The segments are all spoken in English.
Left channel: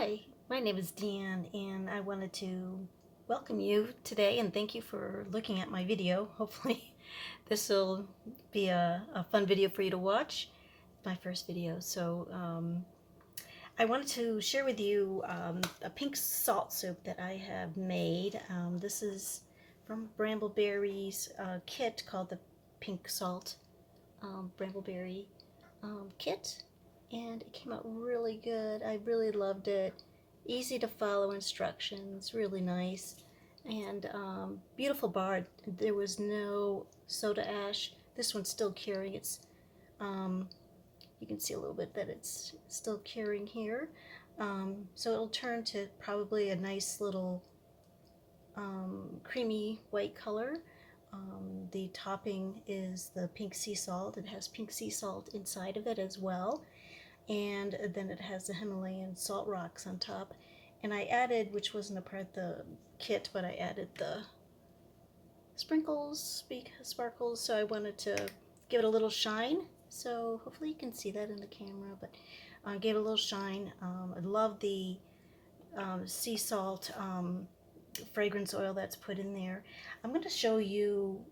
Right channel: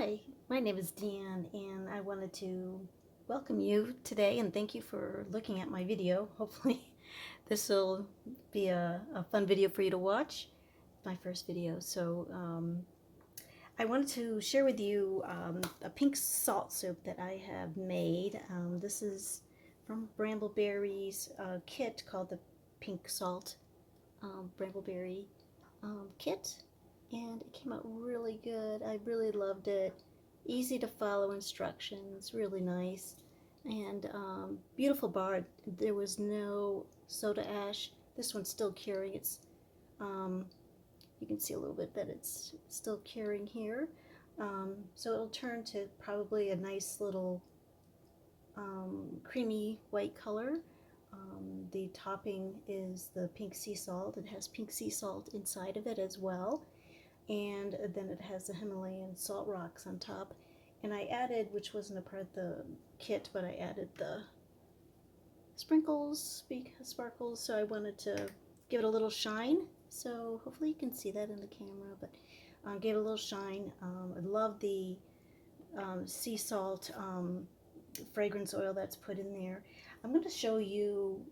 Hi, my name is Dan, and I wanted to welcome you today and thank you for looking at my video. Hopefully, this will be a fun video for you to watch. My first video. I wanted to share with you a pink salt soap that I have made. This is from Bramble Berry's kit called the Pink Salt Bramble Berry kit, and it came out really good. I really loved it. Easy to follow instructions, really nice, and beautiful bar. There was no soda ash. This one's still curing. Um, you can see a little bit that it's still curing here. So it'll turn to probably a nice little creamy white color. The topping is the pink sea salt. It has pink sea salt inside of it as well. And then it has the Himalayan salt rocks on top. And I added, which wasn't a part of the kit, but I added the sprinkles, sparkles, so I wanted to give it a little shine. So hopefully you can see that in the camera, but gave it a little shine. I love the sea salt fragrance oil that's put in there. I'm going to show you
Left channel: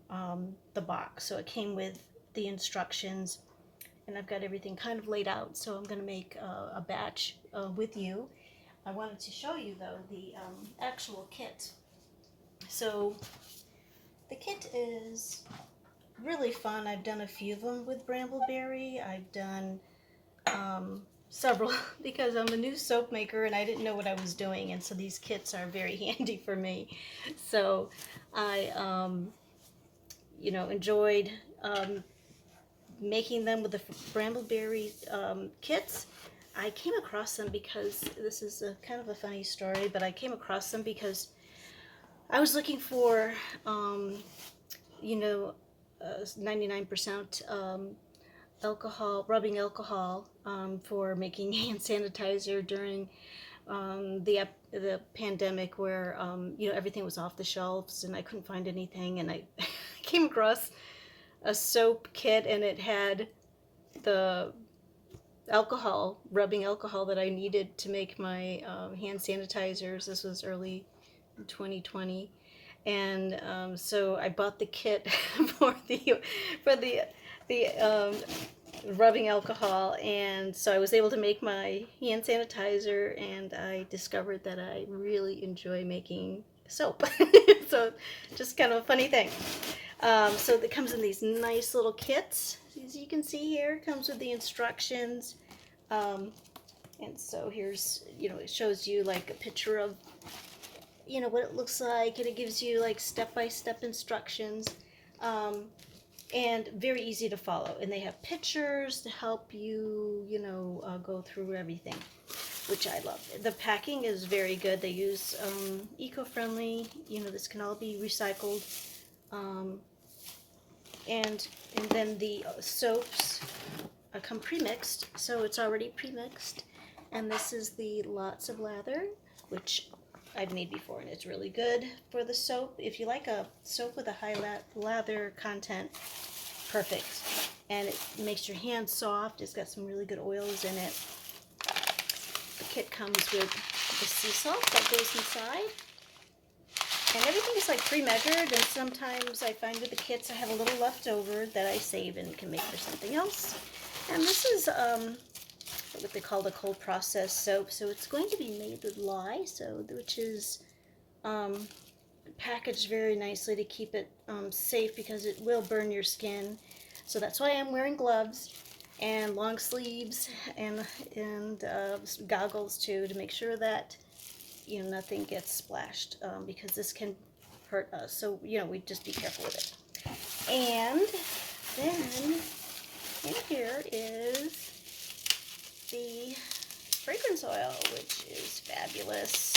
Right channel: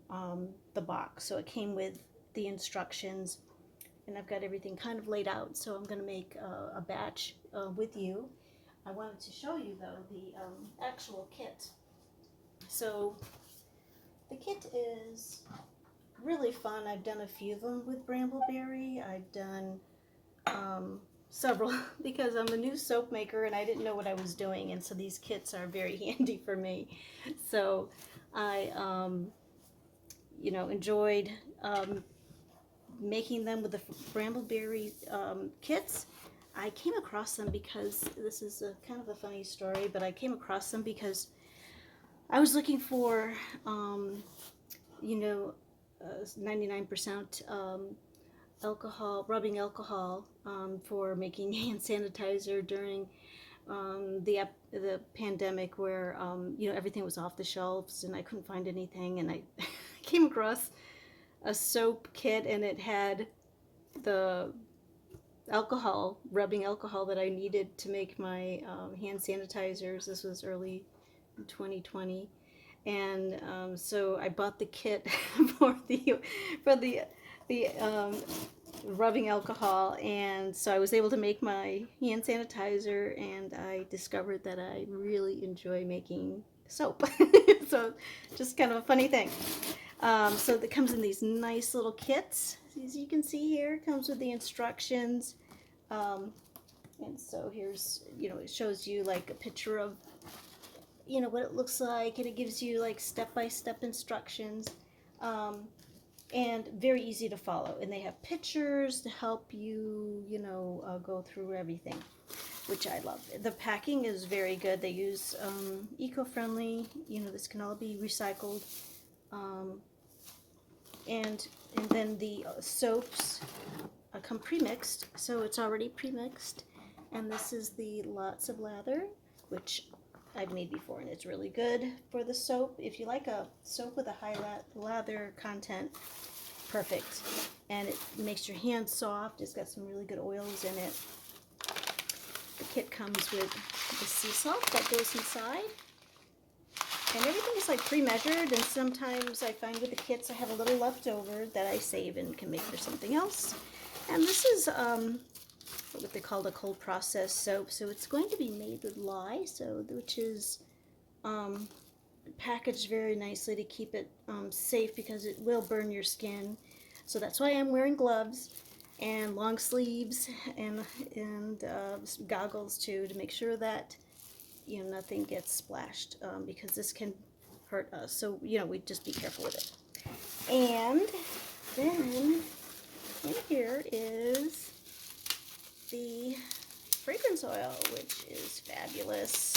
the box. So it came with the instructions, and I've got everything kind of laid out, so I'm going to make a batch with you. I wanted to show you, though, the actual kit. So the kit is really fun. I've done a few of them with Bramble Berry. I've done several because I'm a new soap maker and I didn't know what I was doing, and so these kits are very handy for me. So I enjoyed making them with the Bramble Berry kits. I came across them because this is kind of a funny story, but I came across them because I was looking for, 99% alcohol, rubbing alcohol for making hand sanitizer during the pandemic, where everything was off the shelves and I couldn't find anything, and I came across a soap kit, and it had the rubbing alcohol that I needed to make my hand sanitizers. This was early 2020, and so I bought the kit for the rubbing alcohol, and so I was able to make my hand sanitizer, and I discovered that I really enjoy making soap. So just kind of a funny thing. So it comes in these nice little kits. As you can see here, it comes with the instructions. And so here's, it shows you like a picture of, what it looks like, and it gives you like step-by-step instructions. And very easy to follow. And they have pictures to help you, go through everything, which I love. The packing is very good. They use eco-friendly, this can all be recycled. And then the soaps come pre-mixed, so it's already pre-mixed. And this is the Lots of Lather, which I've made before, and it's really good for the soap. If you like a soap with a high lather content, perfect. And it makes your hands soft. It's got some really good oils in it. The kit comes with the sea salt that goes inside. And everything is like pre-measured, and sometimes I find with the kits I have a little left over that I save and can make for something else. And this is what they call the cold process soap. So it's going to be made with lye, which is packaged very nicely to keep it safe, because it will burn your skin. So that's why I'm wearing gloves and long sleeves and goggles too, to make sure that nothing gets splashed, because this can hurt us. So we just be careful with it. And then in here is the fragrance oil, which is fabulous.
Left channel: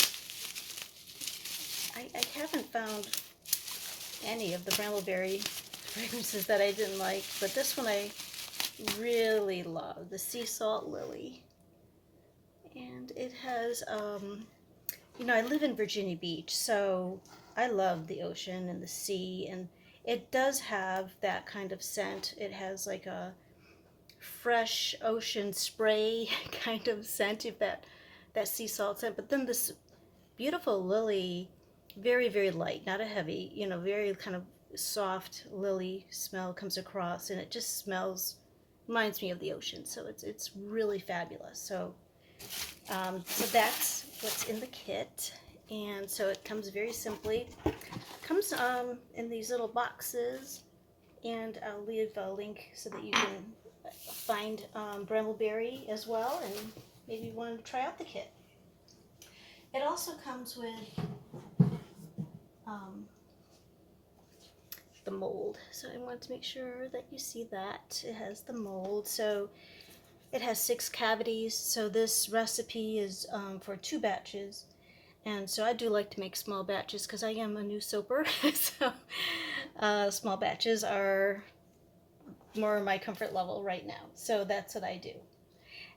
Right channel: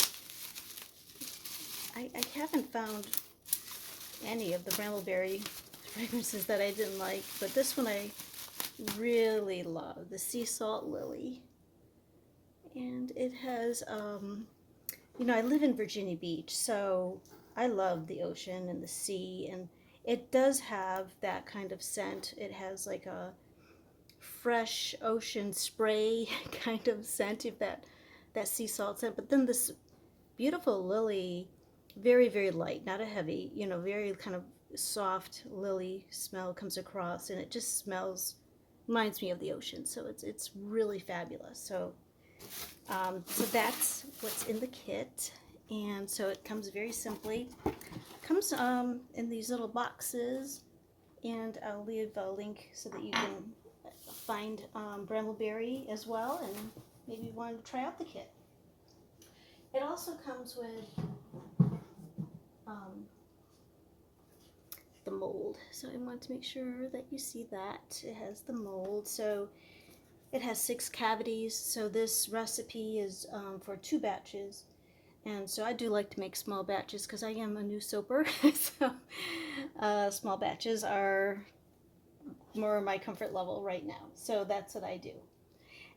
I haven't found any of the Bramble Berry fragrances that I didn't like, but this one I really love, the Sea Salt Lily. And it has, I live in Virginia Beach, so I love the ocean and the sea, and it does have that kind of scent. It has like a fresh ocean spray kind of scent, if that that sea salt scent. But then this beautiful lily, very, very light, not a heavy, you know, very kind of soft lily smell comes across, and it just smells, reminds me of the ocean. So it's really fabulous. So that's what's in the kit. And so it comes very simply. It comes in these little boxes, and I'll leave a link so that you can find Bramble Berry as well, and maybe want to try out the kit. It also comes with the mold. So I want to make sure that you see that. It has the mold. So it has 6 cavities. So this recipe is for 2 batches. And so I do like to make small batches because I am a new soaper. So small batches are more my comfort level right now. So that's what I do.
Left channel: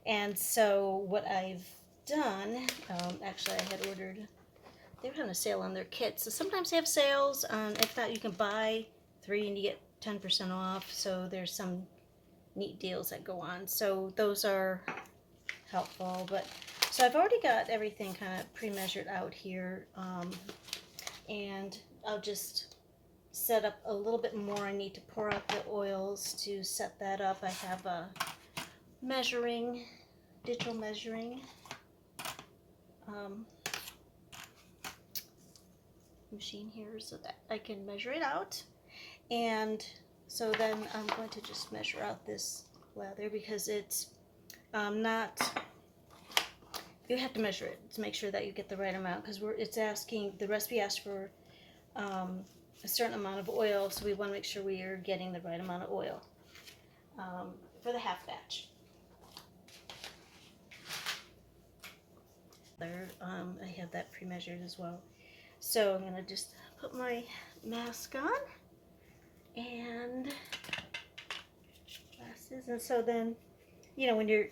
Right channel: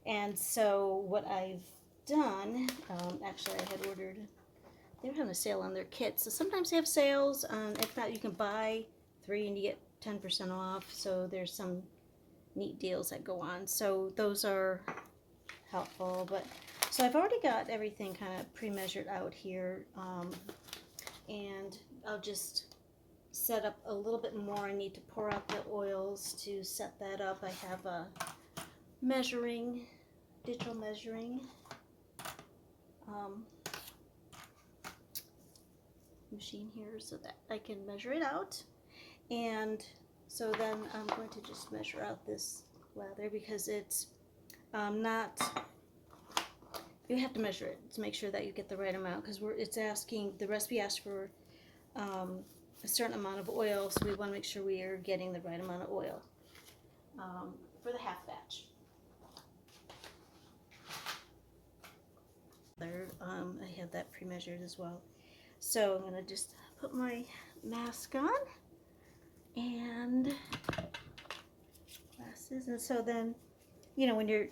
And so what I've done, actually I had ordered, they were having a sale on their kits. So sometimes they have sales. If not, you can buy 3 and you get 10% off. So there's some neat deals that go on. So those are helpful. But so I've already got everything kind of pre-measured out here. And I'll just set up a little bit more. I need to pour out the oils to set that up. I have a digital measuring machine here so that I can measure it out. And so then I'm going to just measure out this lather because it's not, you have to measure it to make sure that you get the right amount, because it's asking, the recipe asks for a certain amount of oil, so we want to make sure we are getting the right amount of oil for the half batch. I have that pre-measured as well. So I'm going to just put my mask on and glasses. And so then, you know, when you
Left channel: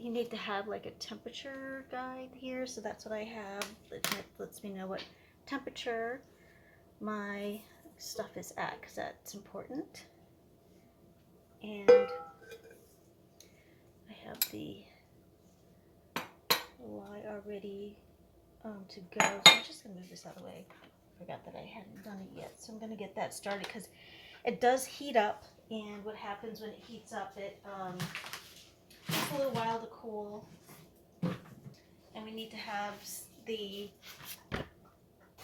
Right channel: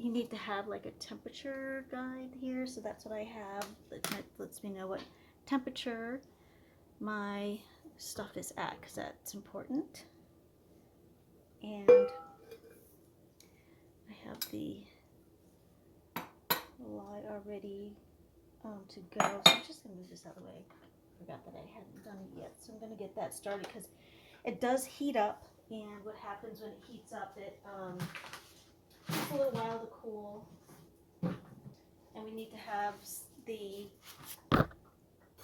need to have like a temperature guide here. So that's what I have. It lets me know what temperature my stuff is at, because that's important. And I have the lye already to go. So I'm just going to move this out of the way. I forgot that I hadn't done it yet. So I'm going to get that started because it does heat up. And what happens when it heats up, it takes a little while to cool. And we need to have the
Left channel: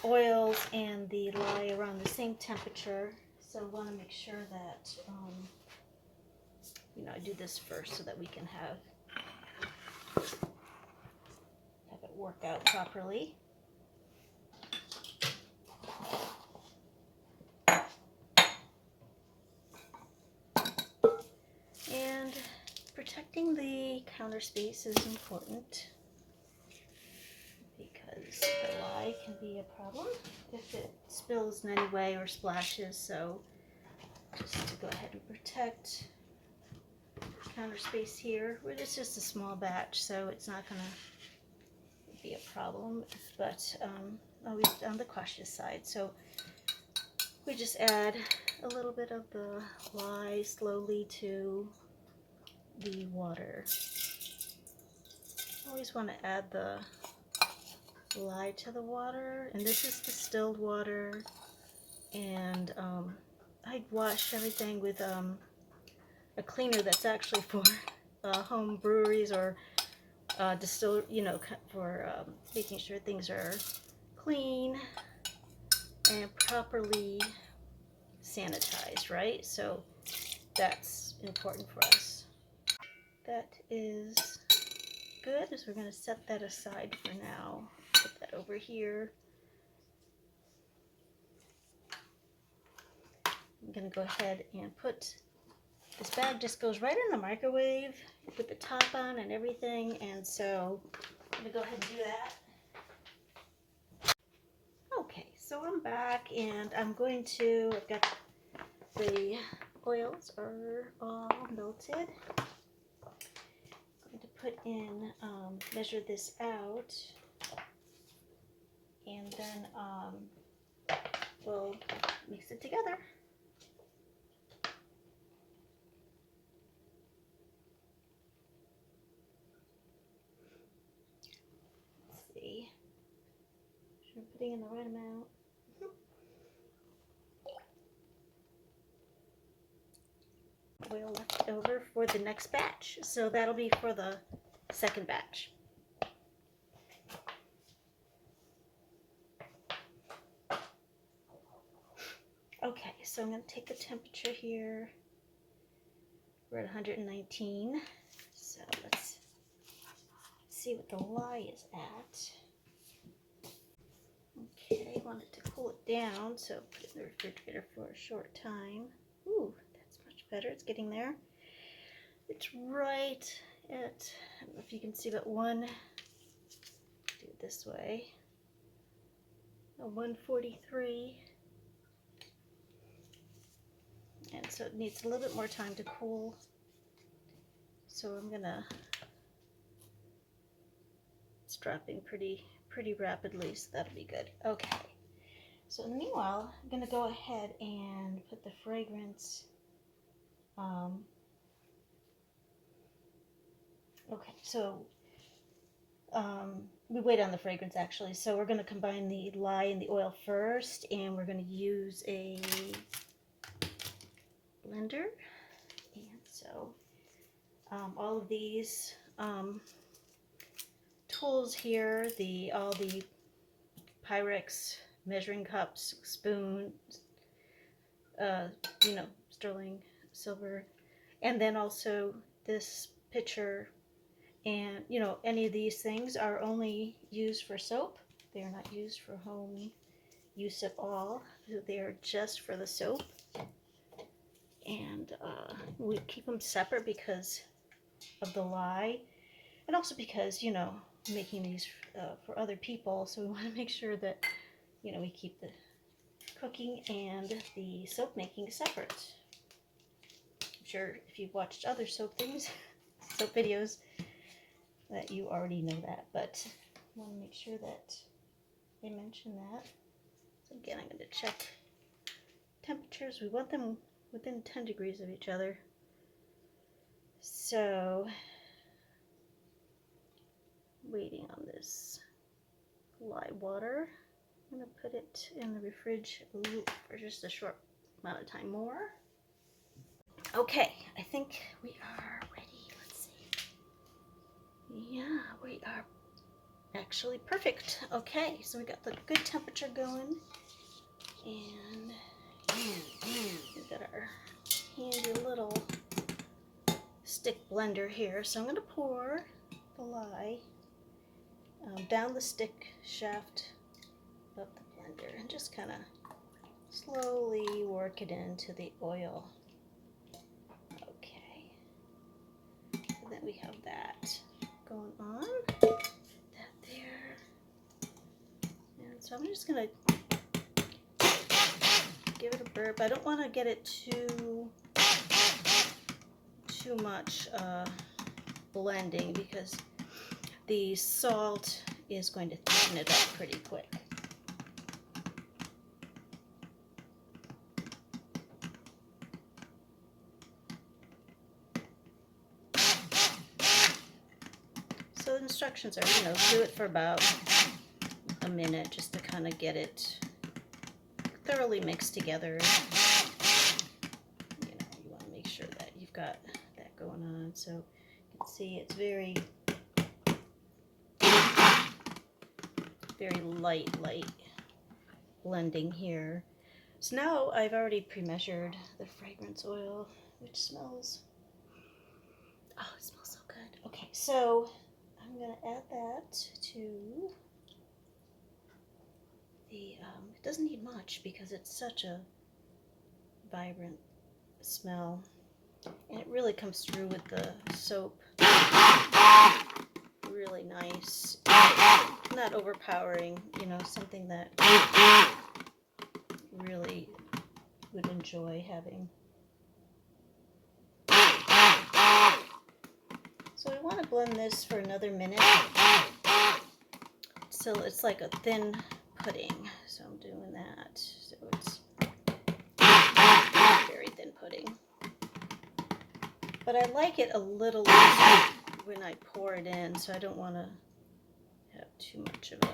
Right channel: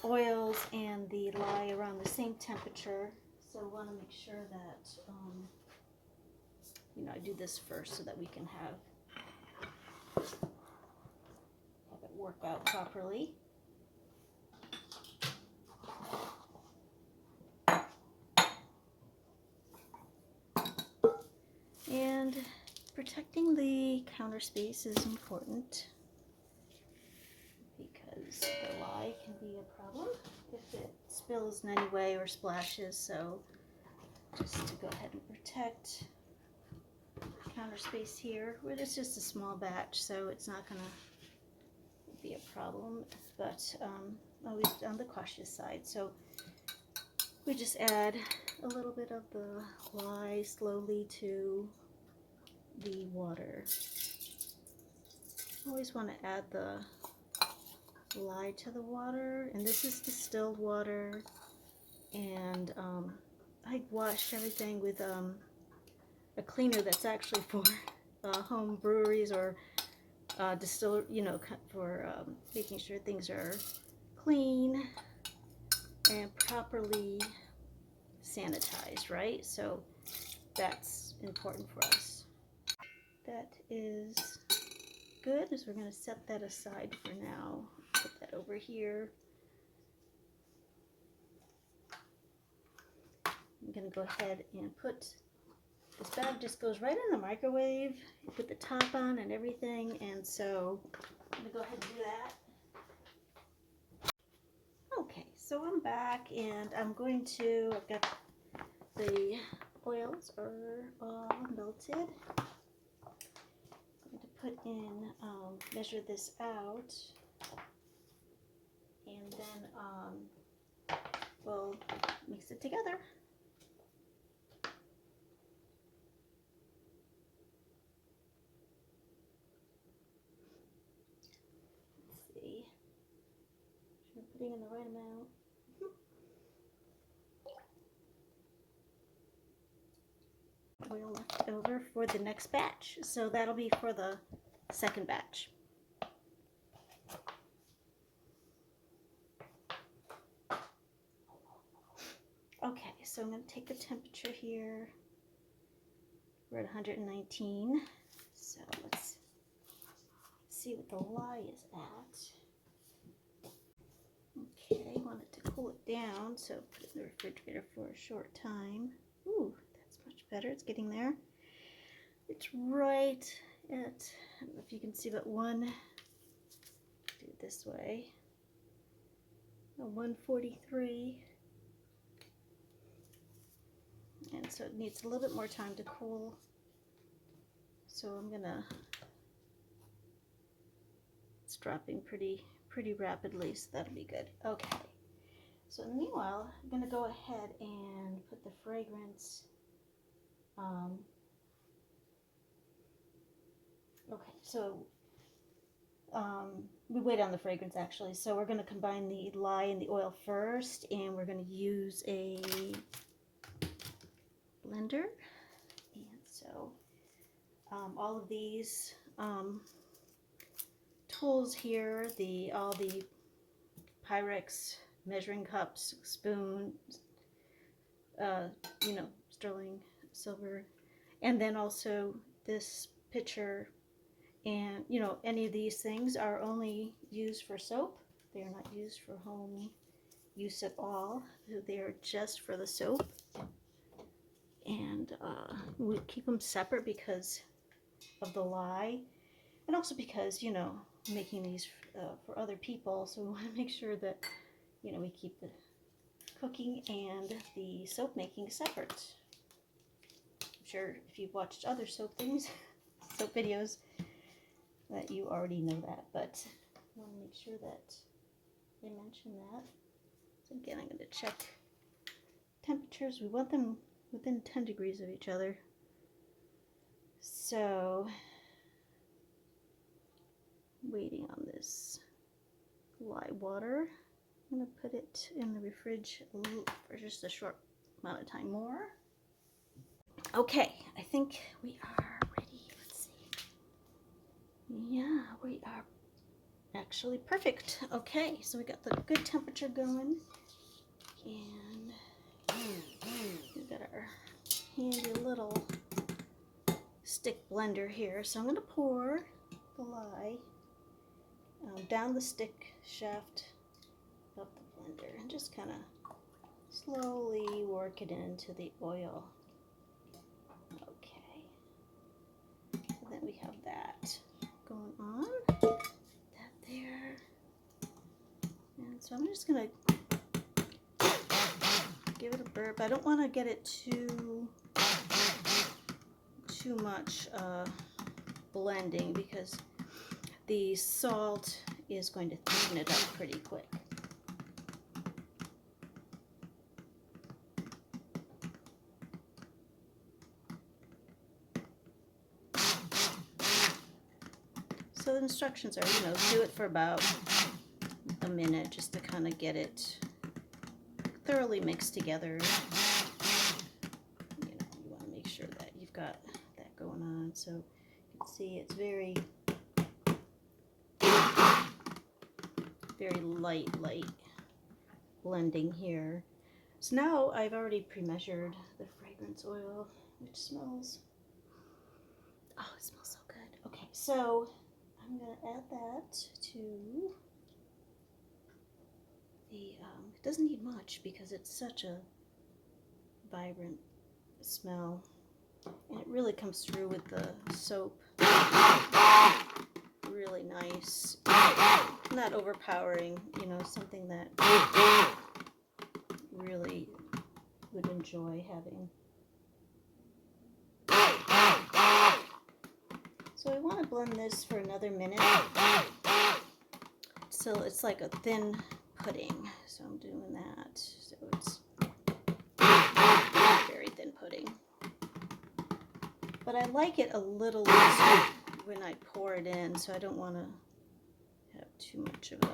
oils and the lye around the same temperature. So we want to make sure that, you know, I do this first so that we can have it work out properly. And protecting the counter space is important because the lye can be a problem if it spills in any way or splashes. So just to go ahead and protect counter space here. It's just a small batch, so it's not going to be a problem, but always on the cautious side. So we just add a little bit of the lye slowly to the water. Always want to add the lye to the water, and this is distilled water, and I wash everything with a cleaner that's actually for home breweries or distill, you know, for making sure things are clean and properly sanitized, right? So that's important for us. That is good. So we're going to set that aside for now. Put that over here. I'm going to go ahead and put this bag, just goes right in the microwave. Put the top on and everything, and so I'm going to go ahead and do that. Okay, so I'm back, and I'm going to, I've got the oils are all melted. I'm going to put in, measure this out, and then we'll mix it together. putting in the right amount. Oil left over for the next batch. So that'll be for the second batch. Okay, so I'm going to take the temperature here. We're at 119. So let's see what the lye is at. Okay, I want it to cool it down, so put it in the refrigerator for a short time. Ooh, that's much better. It's getting there. It's right at, I don't know if you can see, but do it this way, 143. And so it needs a little bit more time to cool. So I'm gonna, it's dropping pretty rapidly, so that'll be good. Okay. So meanwhile, I'm gonna go ahead and put the fragrance. Okay, so we wait on the fragrance actually. So we're gonna combine the lye and the oil first, and we're gonna use a blender. And so all of these tools here, all the Pyrex measuring cups, spoons, sterling silver, and then also this pitcher, and any of these things are only used for soap. They are not used for home use at all. They are just for the soap. And we keep them separate because of the lye, and also because making these for other people, so we want to make sure that we keep the cooking and the soap making separate. I'm sure if you've watched other soap videos, that you already know that, but I want to make sure that I mention that. So again, I'm going to check temperatures. We want them within 10 degrees of each other. So, waiting on this lye water. I'm going to put it in the fridge for just a short amount of time more. Okay, I think we are ready. Let's see. Yeah, we are actually perfect. Okay, so we got the good temperature going, and we've got our handy little stick blender here. So I'm going to pour the lye down the stick shaft of the blender and just kind of slowly work it into the oil. Okay, and then we have that going on, that there, and so I'm just going to give it a burp. I don't want to get it too much blending, because the salt is going to thicken it up pretty quick. So the instructions are, do it for about a minute just to kind of get it thoroughly mixed together. You want to make sure that you've got that going on. So you can see it's very light blending here. So now I've already pre-measured the fragrance oil, which smells, oh, it smells so good. Okay, so I'm going to add that to the, it doesn't need much because it's such a vibrant smell, and it really comes through with the soap. Really nice, not overpowering, something that really would enjoy having. So I want to blend this for another minute, so it's like a thin pudding. So I'm doing that, so it's very thin pudding. But I like it a little looser when I pour it in, so I don't want to have too much of a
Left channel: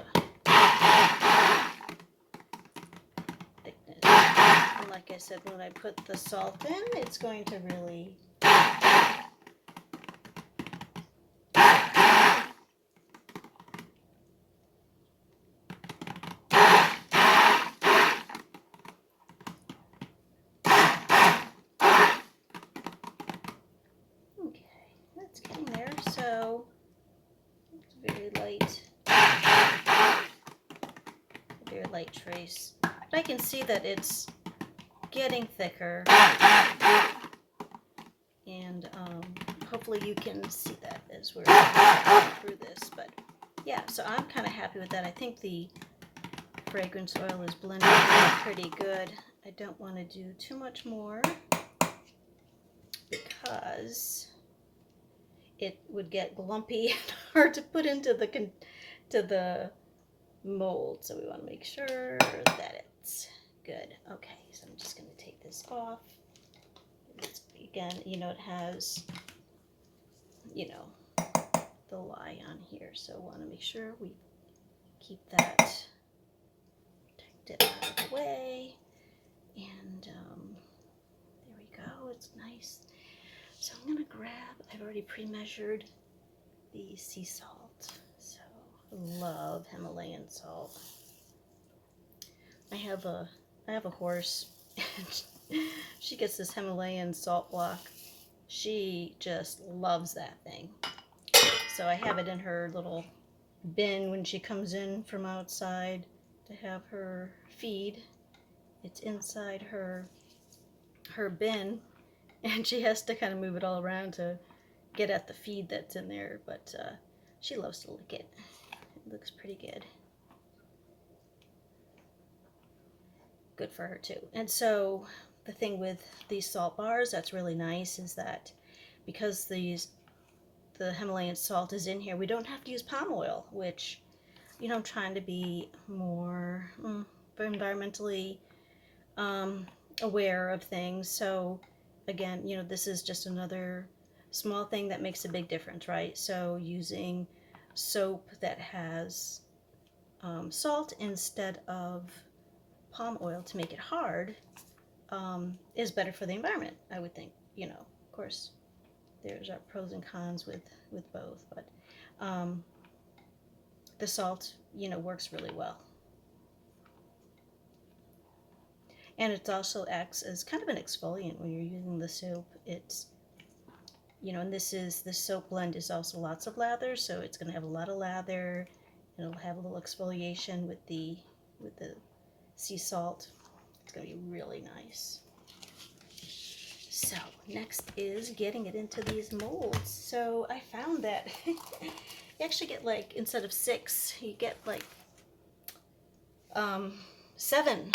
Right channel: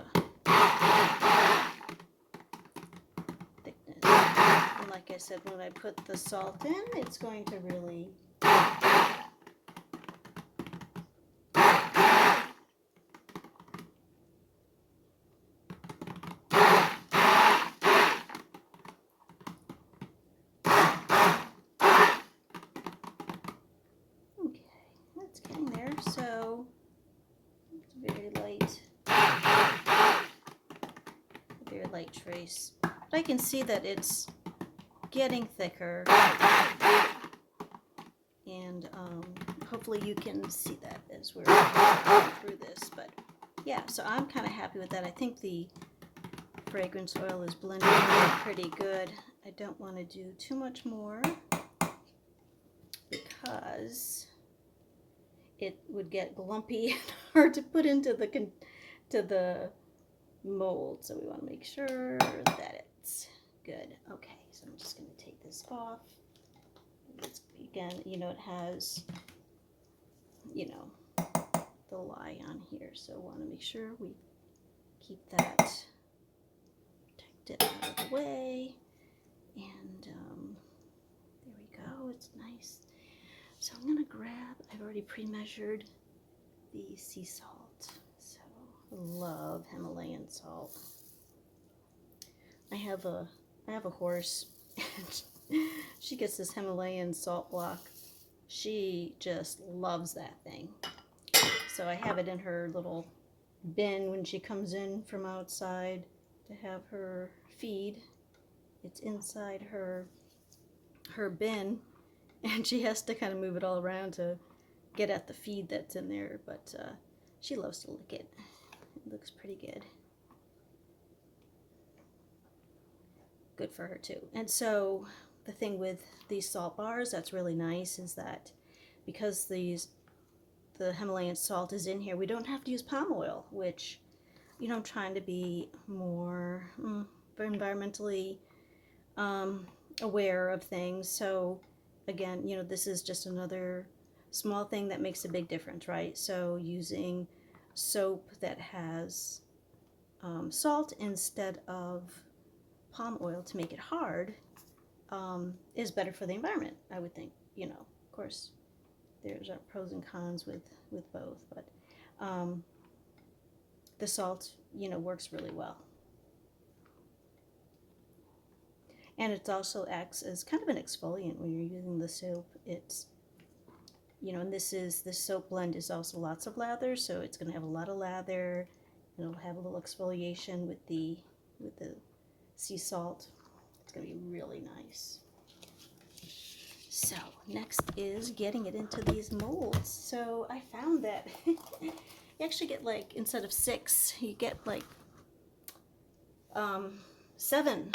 like I said, when I put the salt in, it's going to really it's getting there, so it's very light trace. But I can see that it's getting thicker, and hopefully you can see that as we're going through this. But yeah, so I'm kind of happy with that. I think the fragrance oil is blending pretty good. I don't want to do too much more because it would get glumpy and hard to put into the mold. So we want to make sure that it's good. Okay, so I'm just going to take this off. It's, again, you know, it has, you know, the lye on here, so we want to make sure we keep that protected out of the way. And there we go. It's nice. So I'm going to grab, I've already pre-measured the sea salt. So I love Himalayan salt. I have a horse, and she gets this Himalayan salt block. She just loves that thing. So I have it in her little bin when she comes in from outside to have her feed. It's inside her bin, and she has to kind of move it all around to get at the feed that's in there, but she loves to lick it. It looks pretty good. Good for her too. And so the thing with these salt bars that's really nice is that because the Himalayan salt is in here, we don't have to use palm oil, which, you know, I'm trying to be more environmentally aware of things. So again, you know, this is just another small thing that makes a big difference, right? So using soap that has salt instead of palm oil to make it hard is better for the environment, I would think. You know, of course, there's our pros and cons with both, but the salt, you know, works really well. And it also acts as kind of an exfoliant when you're using the soap. It's, you know, and this soap blend is also lots of lather, so it's going to have a lot of lather, and it'll have a little exfoliation with the sea salt. It's going to be really nice. So next is getting it into these molds. So I found that you actually get, like, instead of 6, you get like 7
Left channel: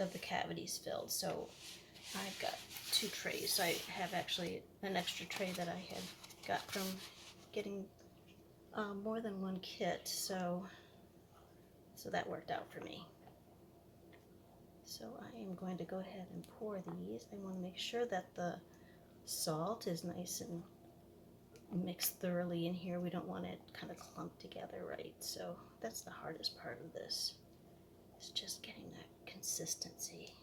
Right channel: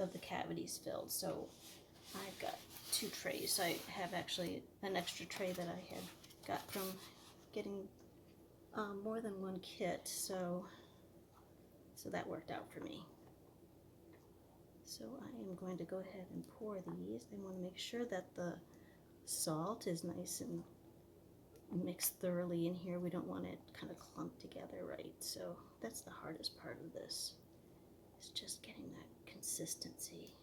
of the cavities filled. So I've got 2 trays. I have actually an extra tray that I had got from getting more than one kit, so that worked out for me. So I am going to go ahead and pour these. I want to make sure that the salt is nice and mixed thoroughly in here. We don't want it kind of clumped together, right? So that's the hardest part of this. It's just getting that consistency.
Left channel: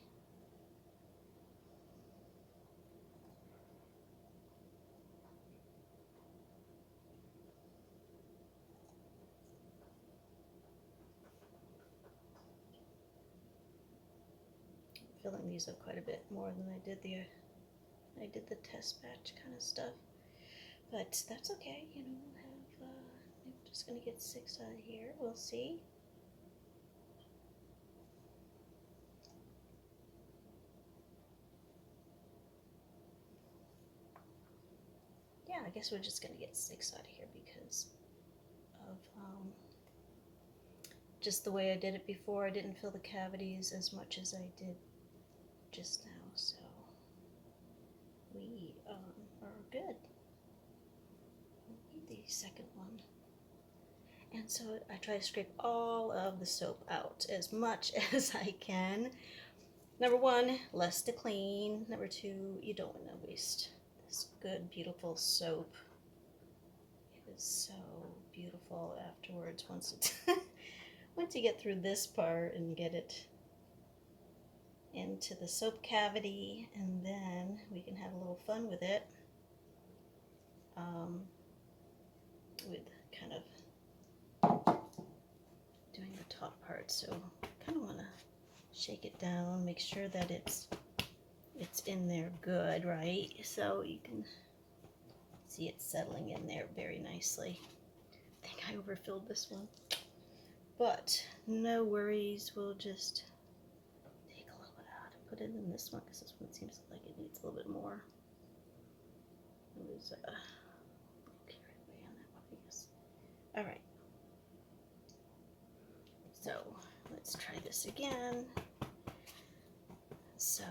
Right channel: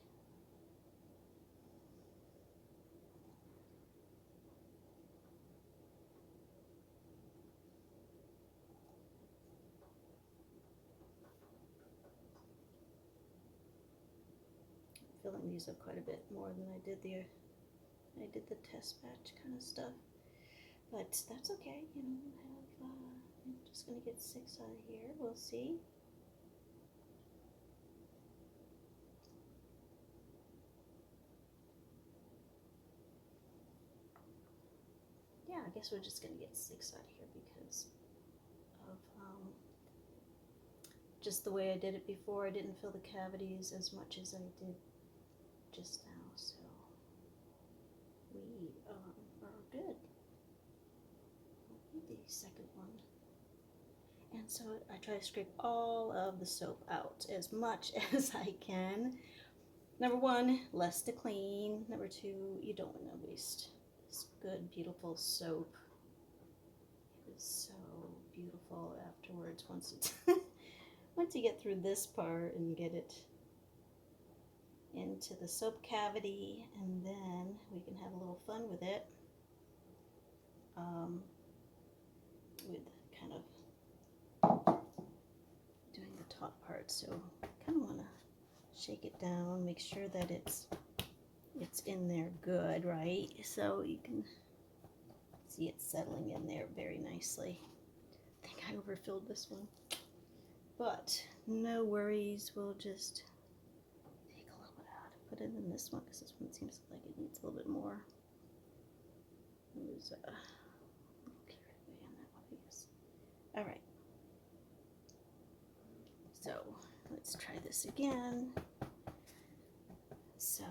I'm filling these up quite a bit more than I did the test batch kind of stuff, but that's okay. You know, we'll have. I'm just gonna get 6 out of here. We'll see. Yeah, I guess we're just gonna get 6 out of here because of just the way I did it before. I didn't fill the cavities as much as I did just now, so we are good. The second one. And so I try to scrape all of the soap out as much as I can. Number 1, less to clean. Number 2, you don't want to waste this good, beautiful soap. It is so beautiful afterwards once it's once you get through this part and get it into the soap cavity, and then we can have a little fun with it, with kind of doing the top part. So I kind of want to shake it down, make sure that it's in there good, right? So you can see it settling in there very nicely. I think I overfilled this one, but no worries. We'll just take a little bit out and put it in this one, because this one seems like it needs a little bit more. There's a carrot way on that one, I guess. All right. So let's try this again. So,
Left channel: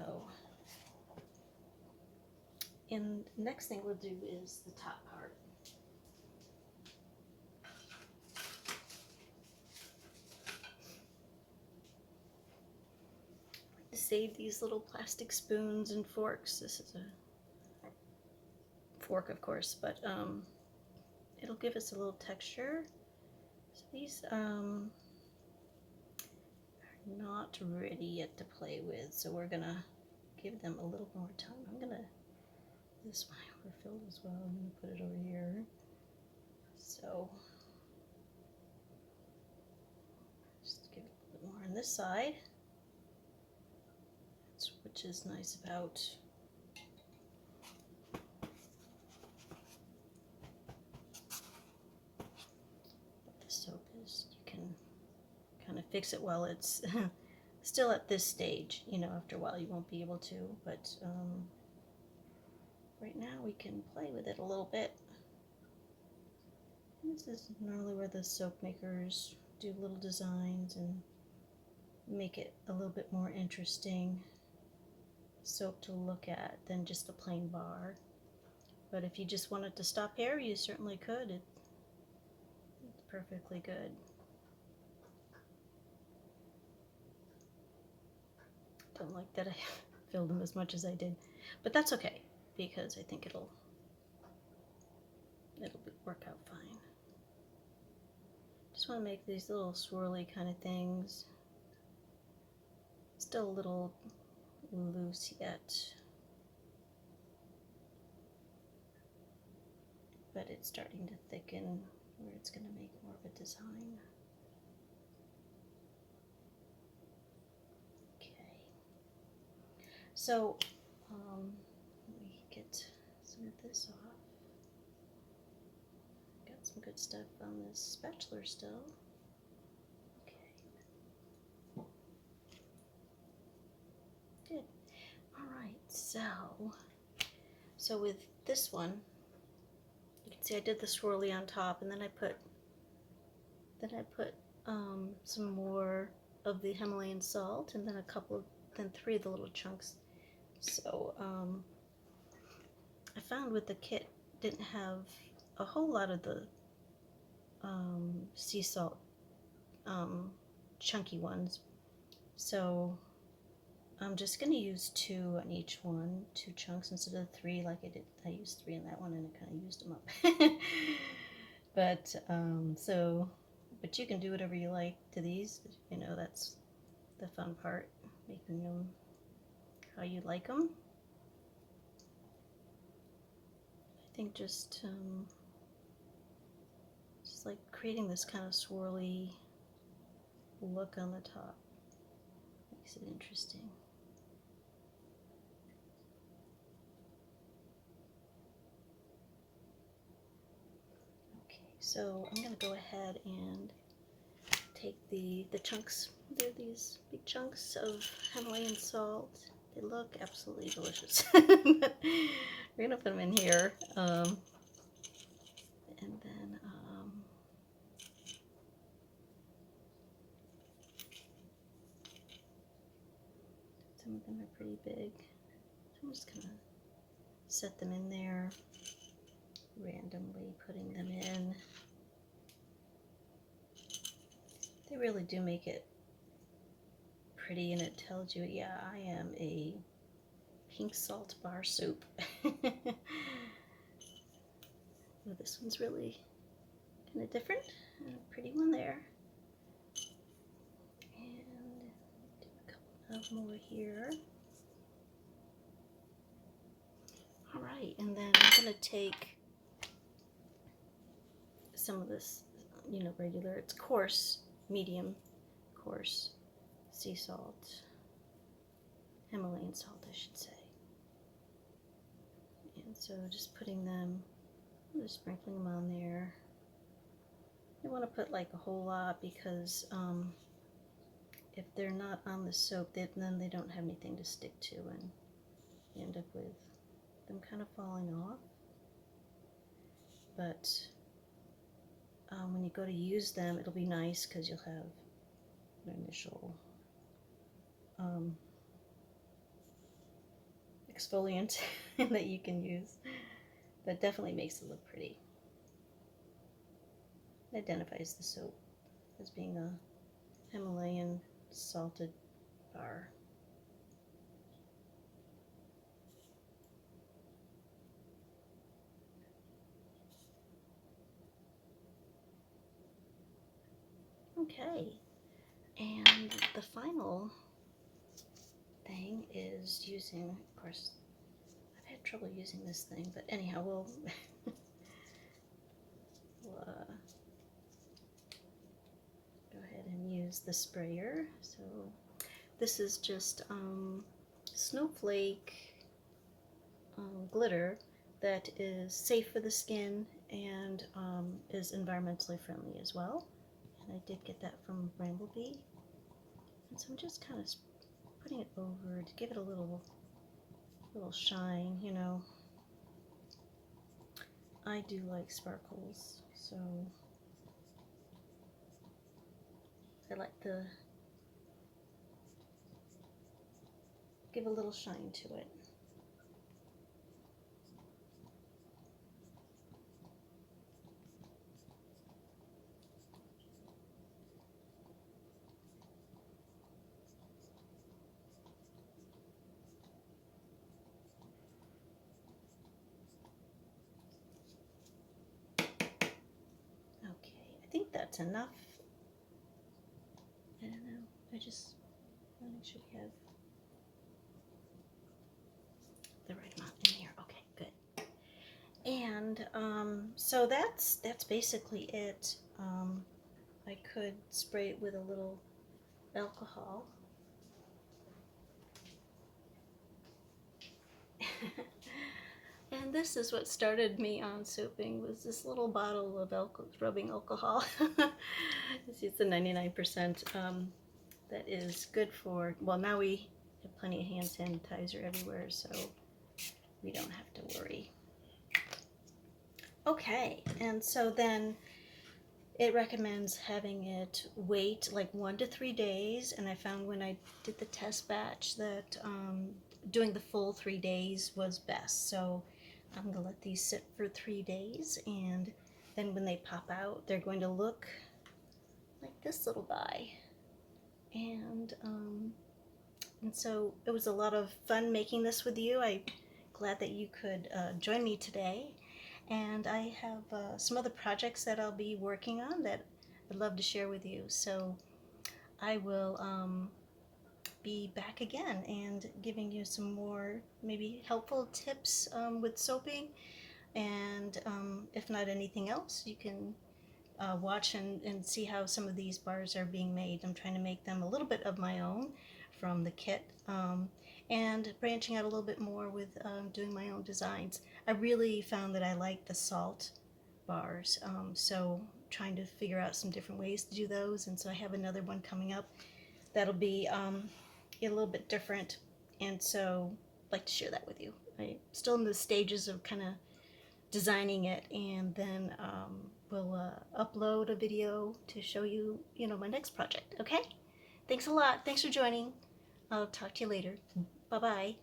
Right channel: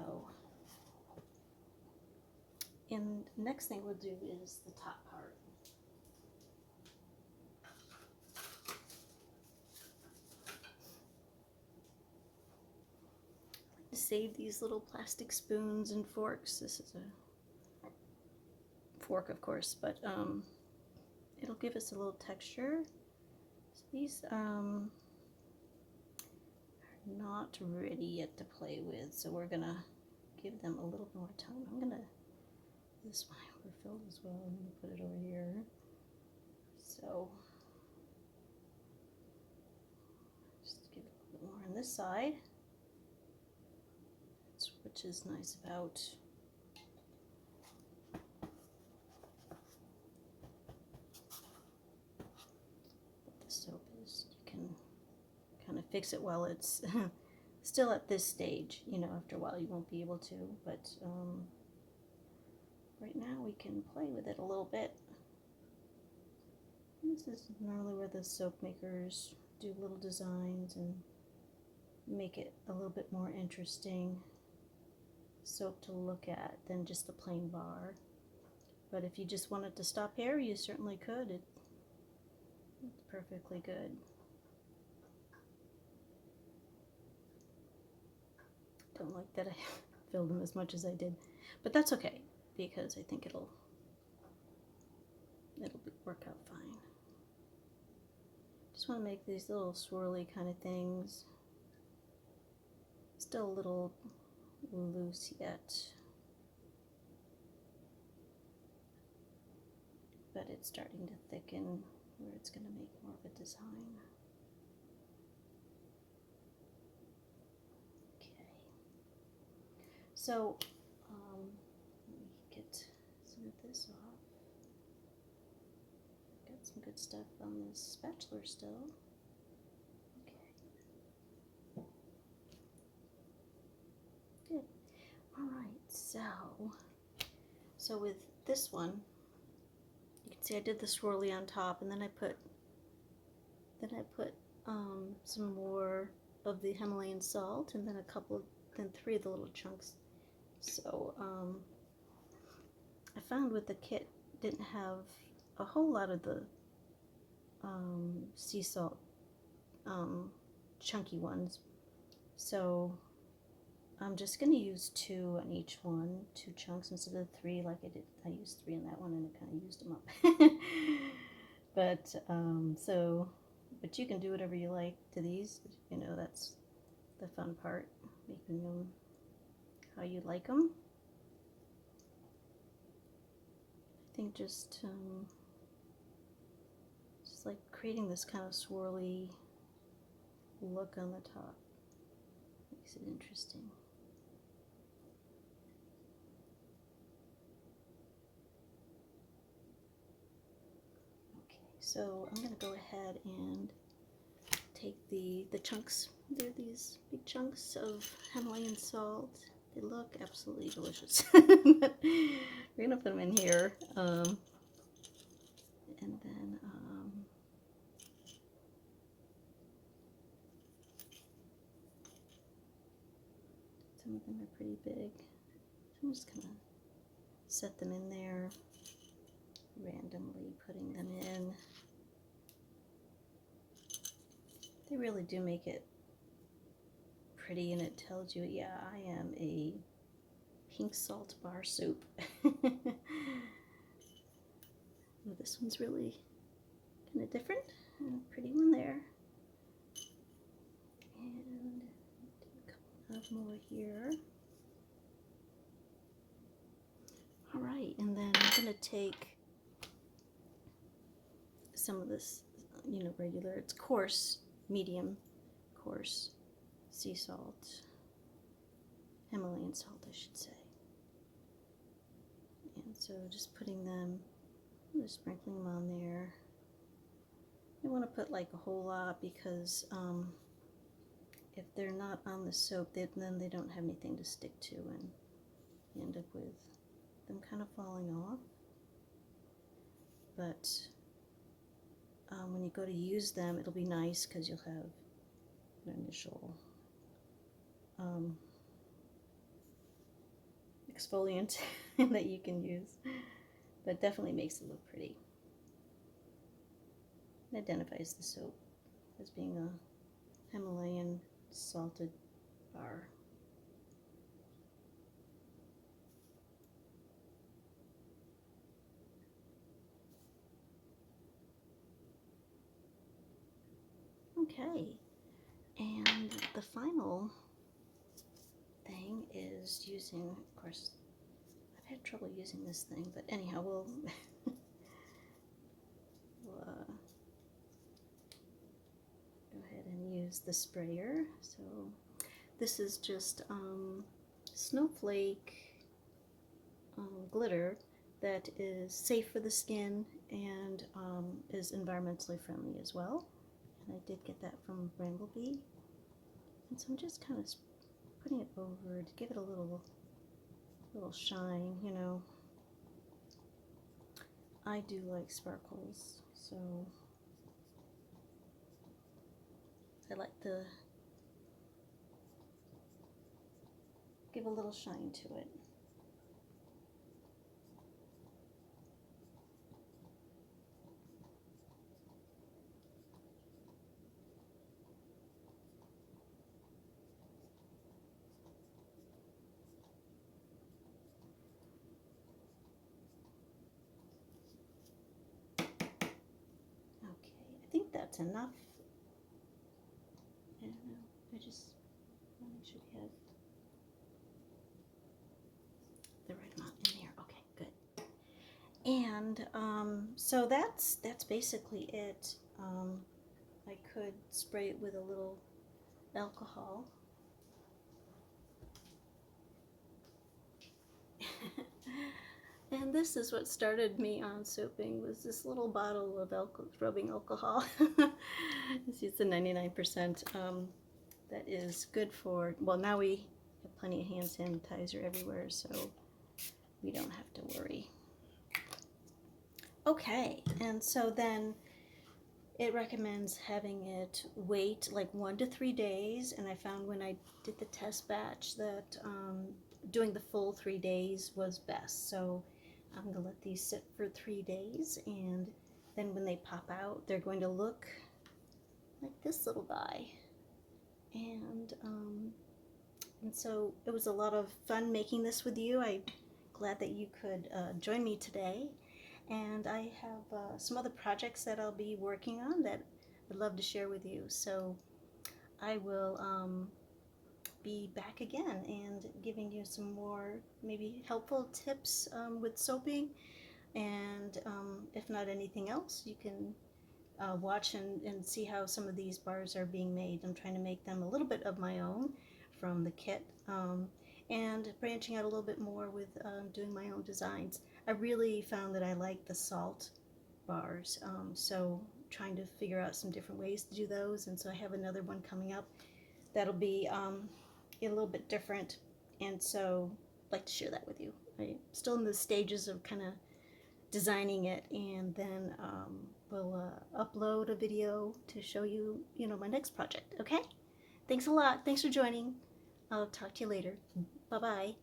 and the next thing we'll do is the top part. I like to save these little plastic spoons and forks. This is a fork, of course, but it'll give us a little texture. So these are not ready yet to play with, so we're gonna give them a little more time. I'm gonna, this one I overfilled as well. I'm gonna put it over here. So just give it a little more on this side, which is nice about what the soap is. You can kind of fix it while it's still at this stage. You know, after a while you won't be able to, but right now we can play with it a little bit. And this is normally where the soap makers do little designs and make it a little bit more interesting soap to look at than just a plain bar. But if you just wanted to stop here, you certainly could. It's perfectly good. Don't like that I filled them as much as I did, but that's okay, because I think it'll work out fine. Just want to make these little swirly kind of things. Still a little loose yet, but it's starting to thicken where it's going to make more of a design. So, let me get some of this off. Got some good stuff on this spatula still. Okay. Good. Alright, so with this one, you can see I did the swirly on top, and then I put some more of the Himalayan salt, and then then 3 of the little chunks. So I found with the kit didn't have a whole lot of the sea salt chunky ones, so I'm just going to use 2 on each one, 2 chunks instead of 3 like I did. I used 3 on that one and I kind of used them up. But but you can do whatever you like to these. You know, that's the fun part, making them how you like them. I think just like creating this kind of swirly look on the top makes it interesting. Okay, so I'm going to go ahead and take the chunks. They're these big chunks of Himalayan salt. They look absolutely delicious. We're going to put them in here. And then some of them are pretty big. I'm just going to set them in there, randomly putting them in. They really do make it pretty, and it tells you, yeah, I am a pink salt bar soup. This one's really kind of different. A pretty one there. And do a couple of more here. All right, and then I'm going to take some of this, regular, it's coarse, medium coarse sea salt, Himalayan salt, I should say. And so just putting them, just sprinkling them on there. You want to put like a whole lot because if they're not on the soap, then they don't have anything to stick to, and you end up with them kind of falling off. But when you go to use them, it'll be nice because you'll have an initial exfoliant that you can use. That definitely makes it look pretty. It identifies the soap as being a Himalayan salted bar. Okay, and the final thing is using, of course, I've had trouble using this thing, but anyhow, we'll go ahead and use the sprayer. So this is just snowflake glitter that is safe for the skin and is environmentally friendly as well. And I did get that from Bramble Berry. And so I'm just kind of putting it over to give it a little shine, I do like sparkles, so I like to give a little shine to it. I think that's enough. I don't know. I just want to make sure we have the right amount in here. Okay, good. And so that's basically it. I could spray it with a little alcohol. And this is what started me on soaping, was this little bottle of rubbing alcohol. It's a 99%. That is good for, well, now we have plenty of hand sanitizer everywhere, so we don't have to worry. Okay, and so then it recommends having it wait like 1 to 3 days, and I found when I did the test batch that doing the full 3 days was best. So I'm going to let these sit for 3 days, and then when they pop out, they're going to look like this little guy. And so it was a lot of fun making this with you. I'm glad that you could join me today. And I have some other projects that I'll be working on that I'd love to share with you. So I will be back again and giving you some more maybe helpful tips with soaping. And if not anything else, you can watch and see how some of these bars are being made. I'm trying to make them a little bit of my own from the kit, and branching out a little bit more with doing my own designs. I really found that I like the salt bars, so trying to figure out some different ways to do those, and so I have another one coming up that'll be a little bit different, and so I'd like to share that with you. I'm still in the stages of kind of designing it, and then we'll upload a video to show you, my next project. Okay? Thanks a lot. Thanks for joining. I'll talk to you later. Bye-bye.